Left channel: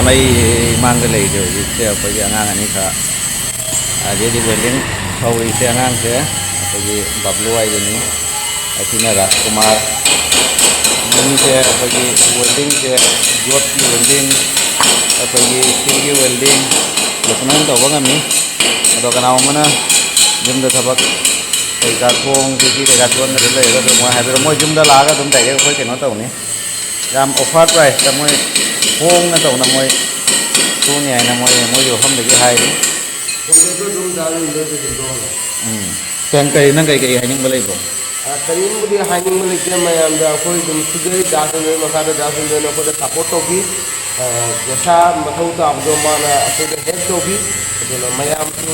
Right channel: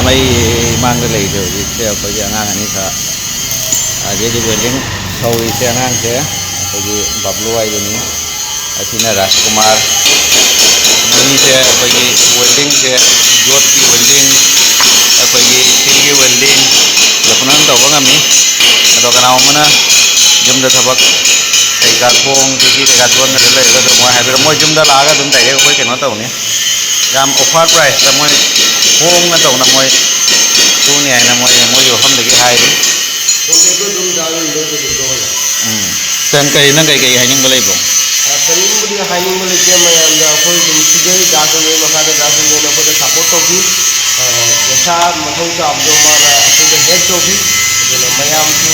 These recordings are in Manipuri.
मैम मांग ले से अखोई आगाम अनी खा अजेदी वेल्डिंग सौरी से आगाम से अखोई बबलू आइदनी असीना राजकुमार मनी से अखोई वेल्डिंग से जोत की वेल्डिंग अखोई स्टील की वेल्डिंग लपनन तौब गमी अदो कनावमना जुमदा थबक कईका थोंग की कईका चोन लेगा मोय हाइबेर मोय जुमदा लागा दुम डायरेक्ट अखोई केनो तौनी याम ऑफर प्राइस ता मोय होंग ना तौना मोय तूनी आइना मोय मोय जो हमदगी हाइरी तंग कई नंग कई हाइनिंग बलेबो करीबी हाइनिंग लेके मैं अखोई दुम सिगे दासुने मखादे दासुने नखोदे सपोर्ट तौबी जैसा मथौ ताबदो माना अखोदे हेड तौबी अदुना मयाम सु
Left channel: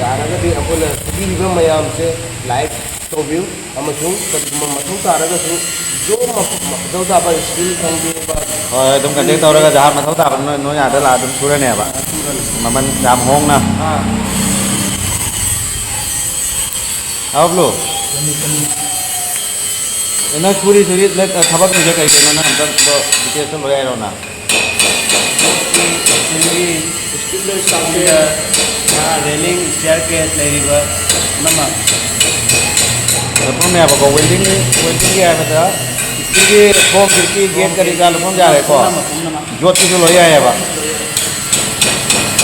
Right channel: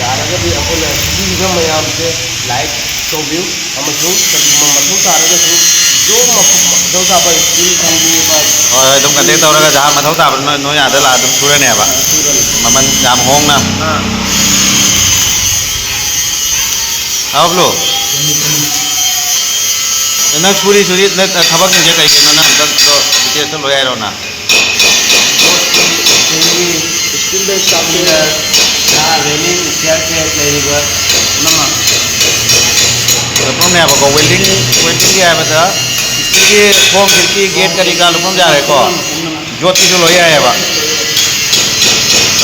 यारगदि अखोना सिगिबो मयाम से लाइक तौबी अमसुं कदिमा मथौ तारगा सु जो मथौ ताबा स्किल थंगी बा होय तुम कंटेक्ट तौरगा जहां मथौ ताब नो यादा ला तुम सुरने बा ममन जाम होंग ना हां आवलो ना छुरी छुरी न थबक निजे कई कई ना हम तो डिटेल्स तो लोया रो ना स्किल बेस साके ना वेल्डिंग शेयर के लेरिबा नमा लपम ने अब को वेल्डिंग वेल्डिंग है बता स्टील की फोम खिड़की गेट करी का लपम जा रहे को ज्योति जो लोया है बा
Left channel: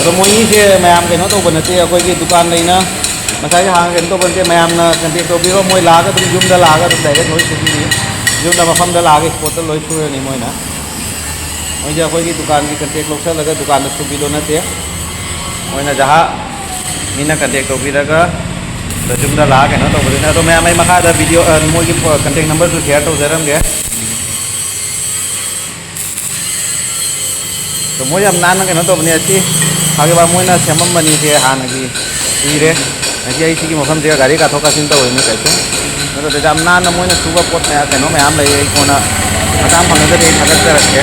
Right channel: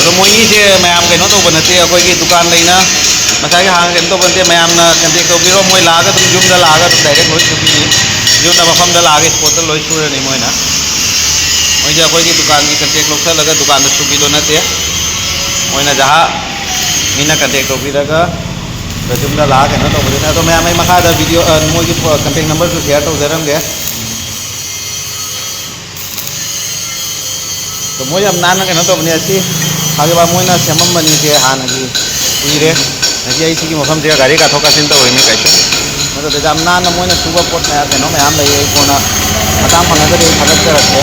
तो मोई से मैम कइनो तो बनते अखोई की दुकान लेना मसाई हांग केन तो बनते मैम ना कंटेक्ट तो बिरो मोई लागा तुम जुम दा लागा तुम डायरेक्ट लोई सुबी नहीं जुम दा मफम दा लागे स्पॉट लोई सुरे नहीं मोई ना मोई जे अखोई की दुकान की कंटेक्ट लोग से लगा दुकान में सुबी दो नते मोई ना जहां मीना कंटेक्ट तो भी लगा तो जुम दा लागे ना तो बोले तो मैम मखा दा वीडियो मोई की कंटेक्ट नंबर तो शेयर तो जरम गे तो मोई अब नान के ना तो बने अच्छी आगे बार मोई ना सेमम बनी थे हान की उइरे नजी आई की मफम से गाड़ी का थोका सिन तो होइनी कैसो तो जाम नान मोई ना सुबह पोट में कनो मैम ले कोना मताम फंगदे थागत रखे